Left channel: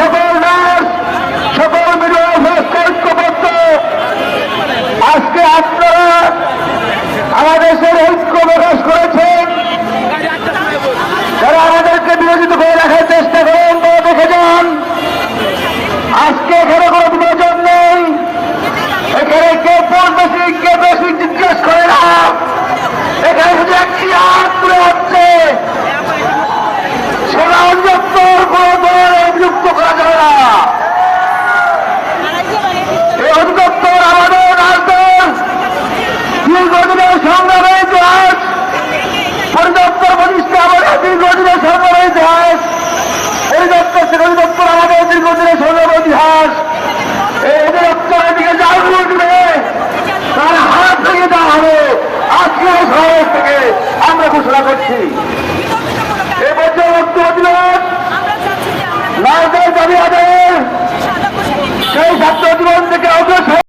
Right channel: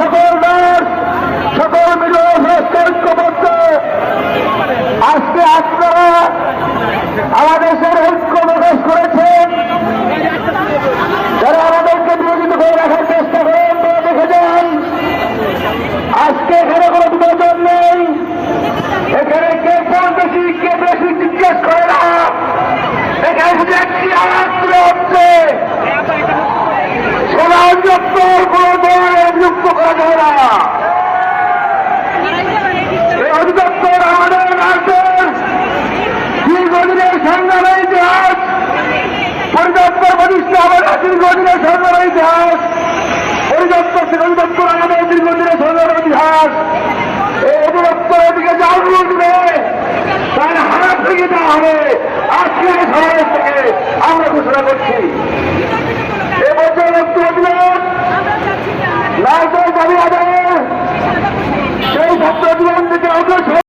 সকল নার্স, সকল ঐক্যবদ্ধ আজকে আপনারা আমাদের ঐক্য প্রকাশ করেছেন। যারা আমাদেরকে বিরোধিত করে রাখার চেষ্টা করেন তারা দেখে যান, আজকে এখানে কোনো বিভাজন নেই। এখানে কে বেশি কে বেশি জিজ্ঞেস করে না, এখানে শুধু একটি হাত তুলে হচ্ছে। সেনা অধিদপ্তর কোনো দল নিযুক্ত করা যায় না। এই অধিদপ্তর আমাদের রাজ্যের দীর্ঘদিনের সংগ্রামের ইতিহাস, পরিদপ্তর প্রতিষ্ঠা আমাদের দীর্ঘদিনের সংগ্রামের ইতিহাস, পরিদপ্তর থেকে অধিদপ্তর আমাদের দীর্ঘদিনের সংগ্রামের ইতিহাস। এই অধিদপ্তরের দিকে যে আঙুল দিবে তার হাত ভেঙে দেওয়া হবে। আজকের শহর থেকে আমরা ঘোষণা করছি। এবছর বক্তব্য দিলেন নারদের দাবি আদায়